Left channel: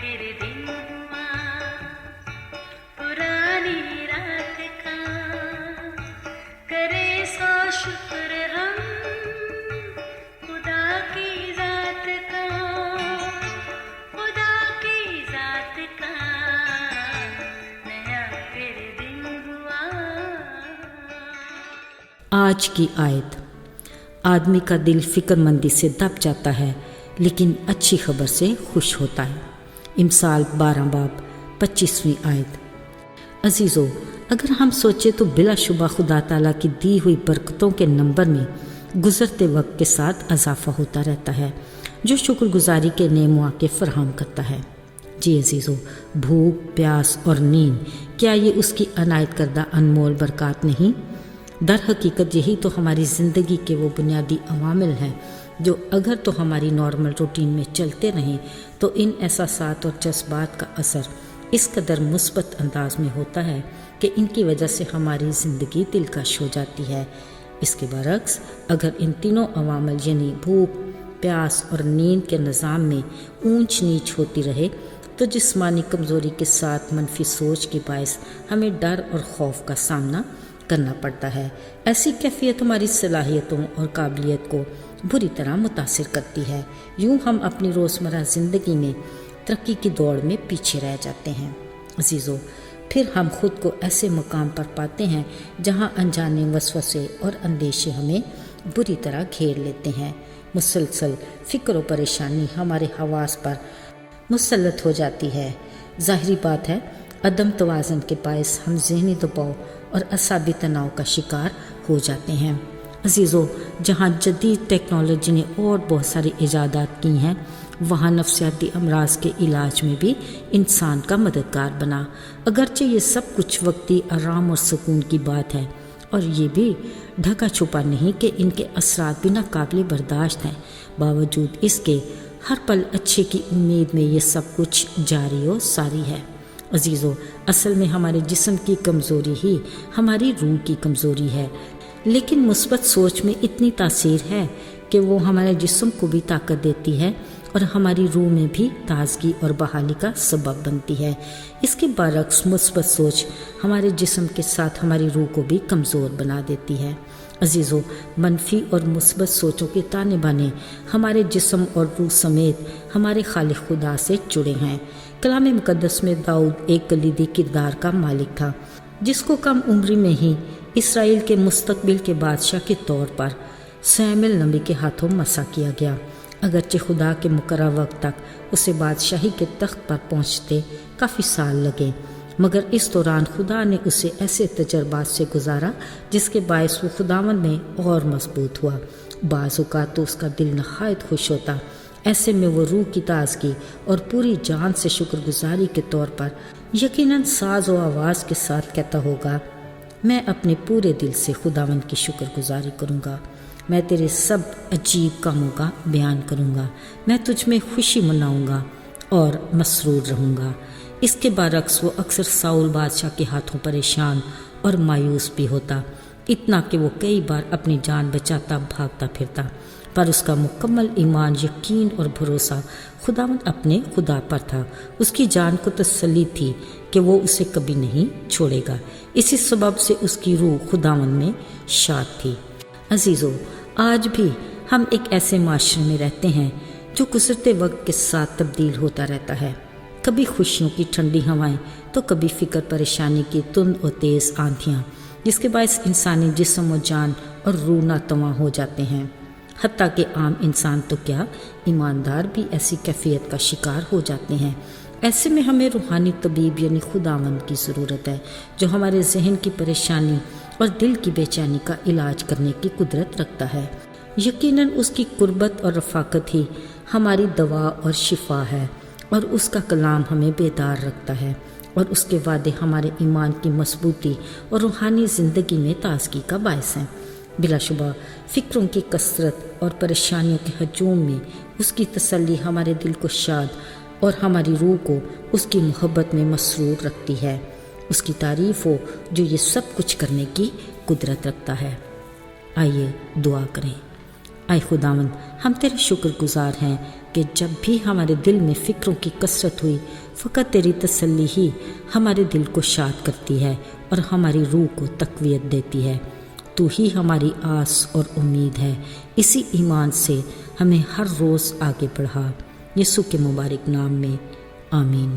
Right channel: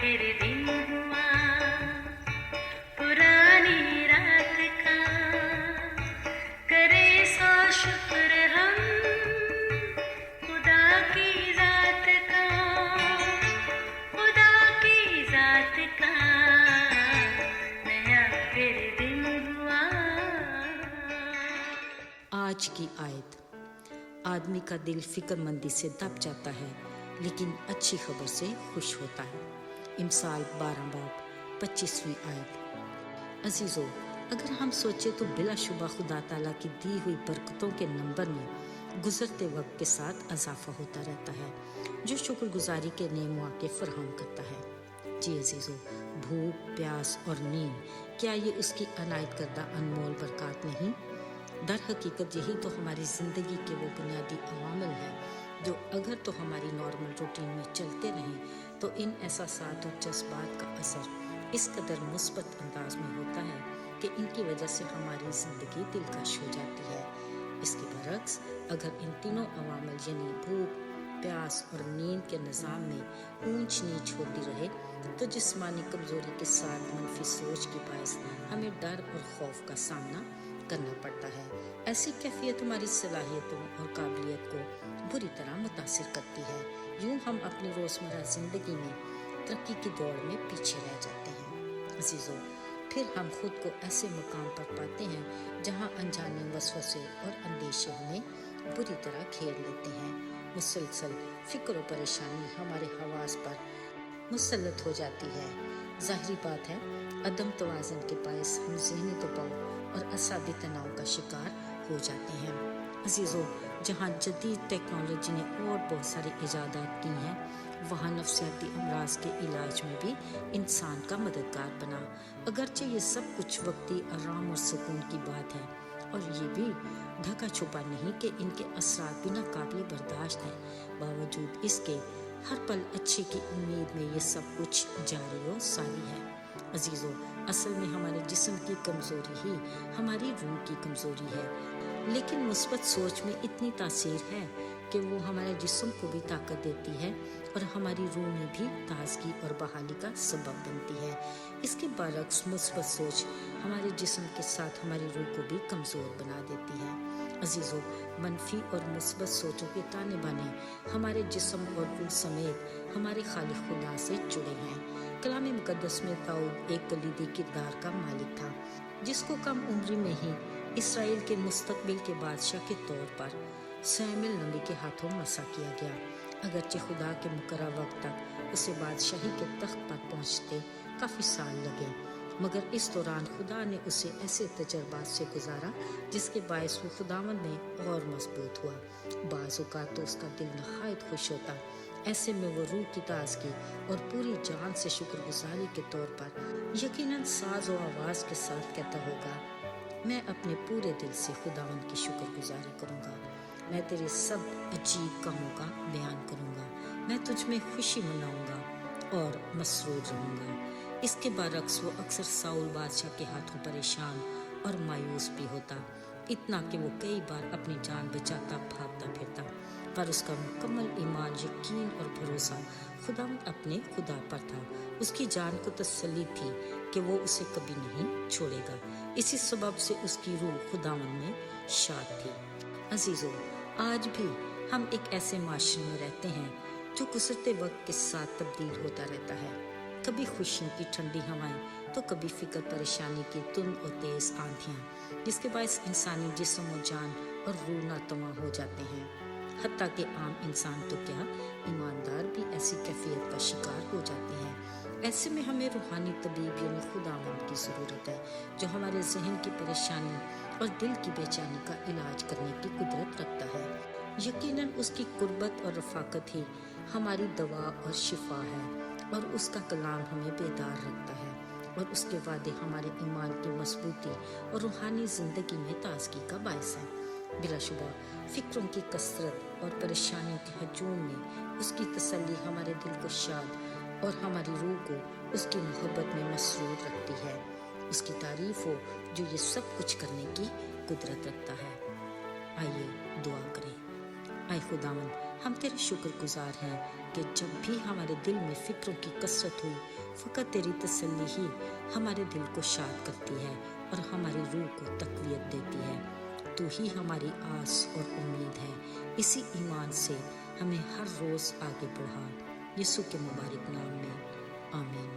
फिर दिन हुआ पुरानी रात का, करे सौ शुक्र हम खुदा की जात का, खुदा की जात का, नया फिर दिन हुआ। आज की आयत। आदमी का दिल फिक्रमंदी से दब जाता है लेकिन अच्छी खबर से खुश होता है। इमसाल 12 बाब 25वीं आयत। अजीज़ों, अगर हम सोचें तो बिलाशुबा खुदा ताला की दी हुई बरकतों के नंबर में गुज़रते वक्त के साथ इजाफ़ा होता रहता है, जो शुक्रगुजारी के नए मौके फराहम करता है। जी अजीज़ों, भूख, प्यास और नींद, क्या ये उसकी अनायत करदा अनमोल बरकत नहीं? दर हकीकत यही तो हमारी ज़िंदगी के वो बुनियादी अवामिल हैं जो अगर तो हमारी नॉर्मल रूटीन में चलते रहें तो इन एहसासात और जज्बात का असर इस कदर मुस्बत अंदाज में होता है कि इनकी वजह से हमारी ज़िंदगी दिलकश हो जाती है। इसके बरक्स अगर इन तीनों अवामिल यानी भूख, प्यास और नींद के निज़ाम में ऊंच नीच होती रहे तो जिस्मानी कमज़ोरी के साथ मनफी सोच के बायस हमें डर और खौफ का सामना करना पड़ता है। ऐसी कैफियत हमारी सलाहियतों और काबिलियत को बुरी तरह मुतासिर करती है। यूँ हम अपनी रोज़मर्रा ज़िंदगी में तरक्की की दौड़ में पीछे रह जाते हैं। अजीज़ों, फिर हम खुद को ऐसे मकाम पर पाते हैं जहाँ अनजाने वसवसे और अंदेशे हमें बुरी तरह घेर लेते हैं। मुसलसल फ़िक्र और परेशानी हमारे हवास पर मुसल्लत हो जाती है। ज़ाहिरी बात है, अदम तवाज़न के बायस हम ज़हनी दबाव और असाबी तनाव का शिकार हो जाते हैं। अजीज़ों, जहाँ जदीद टेक्नोलॉजी ने और बहुत सारी इजादात की हैं, वहाँ नफ्सियाती अमराज के इलाज में भी इंसान का मददगार बना। अगरचे ये सब कुछ वक्ती आराम और सुकून की बात है और ये भी ढका छुपा नहीं कि इनके असरात भी नाकाबिल बर्दाश्त हैं, बावजूद इसके हर पल अच्छे की उम्मीद में ये सब कुछ जारी और सारी है। अजीज़ों, असल में हमारे जिस्म की कमज़ोरी ही हमारी रूह की कमज़ोरी है, लेकिन मुस्बत सोच में इतनी तासीर है कि वो हमारे जिस्म को भी ताकत देती है और हमारी रूह में भी ताजगी और बहाली का सबब बनती है। इसके बरक्स मुस्बत सोच हमारे जिस्म के साथ हमारी रूह को भी कमज़ोर बना देती है। अजीज़ों, मनफी और मुस्बत सोचों के ताने बाने हमारे जिस्म और रूह समेत हमारे खालिक खुदा से जुड़े हैं। कलाम मुकद्दस में दाऊद एक कलीदी किरदार का मालिक था, जिसको कम उम्री में ही इसराइल के मुस्तकबिल के बादशाह के तौर पर सैमुएल नबी के हाथों मसा किया गया। अगरचे खुदा के मुकर्रर वक्त तक उसे बादशाही के तख्त पर पहुंचते काफ़ी साल लगे, मगर इस दौरान खुदा ने उसे ऐसे तजर्बात से गुजारा जिसके बायस वो खुदावंद में और मजबूत हुआ। बाज़ औक़ात तो उसका दिल नहायत खुश होता। ऐसे में वो रूह की ताजगी और पूरी जान से शुक्रगुजारी के तौर पर यकीनन साज़ व आवाज़ के साथ कहता होगा, मैं अपने पूरे दिल से खुदावंद की शुक्रगुजारी करूँगा, मैं तेरे सब अजीब कामों का बयान करूँगा, मैं तुझ में खुशी मनाऊँगा और मसरूर रहूँगा। इसके बरक्स वो अक्सर साउल बादशाह के हाथों परेशान और मायूस भी होता, इतना कि वो कई बार अपनी जान बचाता भागता फिरता, पर उसका मुकम्मल ईमान, यकीन और भरोसा खुदावंद अपने खुदा पर था। उसकी जान को तसल्ली थी कि वो उसे कभी नहीं छोड़ेगा। इसी सबब से उसकी रूह खुदावंद में शाद थी। अजीज़ों, आज भी हम एक ऐसे माशरे में रहते हैं जो गुज़रते वक्त के साथ तब्दील होता रहता है। कभी खुशियों की ठंडी हवाएं तो कभी फ़िक्र परेशानी की तुंद और तेज़ आंधियाँ, जिसके बायस इंसानी जिस्म और जान और रूह नातवा हो जाते हैं। हत्ता कि आम इंसान तो क्या, ईमानदार भी ऐसी कैफियत का शिकार हो जाते हैं। ऐसे में हमें रूहानी तबीब यानी खुदावंद की ज़रूरत है, जो हमारे जहन की परेशानी और दिल की बेचैनी का इलाज करने की कुदरत रखता है। यकीनन उसकी कुर्बत और रफ़ाकत ही हमारी दवा और शिफा है, और उसका कलाम हमें बेदार रखता है, और उसके वादे हमारे ईमान की मजबूती और रूहानी ज़िंदगी में ताजगी का बायस हैं। बिलाशुबा फ़िक्रों की कसरत और परेशानियों के हजूम में उसकी तसल्ली हमारे दिल को शाद और हमारी रूह को उसकी मोहब्बत में मसरूर रखती है। उसकी तारीफ़ हो जो ये सब कुछ करने की कुदरत रखता है। आइए दुआ करें। اے خداوند، ہم تیرے شکر گزار ہیں کہ جب بھی ہمارے دل میں فکروں کی کثرت ہوئی، فقط تیری تسلی ہی ہمارے دل کو شاد کرتی ہے اور ہماری روح کو تقویت دیتی ہے۔ تو ہی ہماری آس اور امید ہے۔ اسی ایمان سے ہمیں ہر روز آگے بڑھا، یسوع کے مبارک نام میں، آمین۔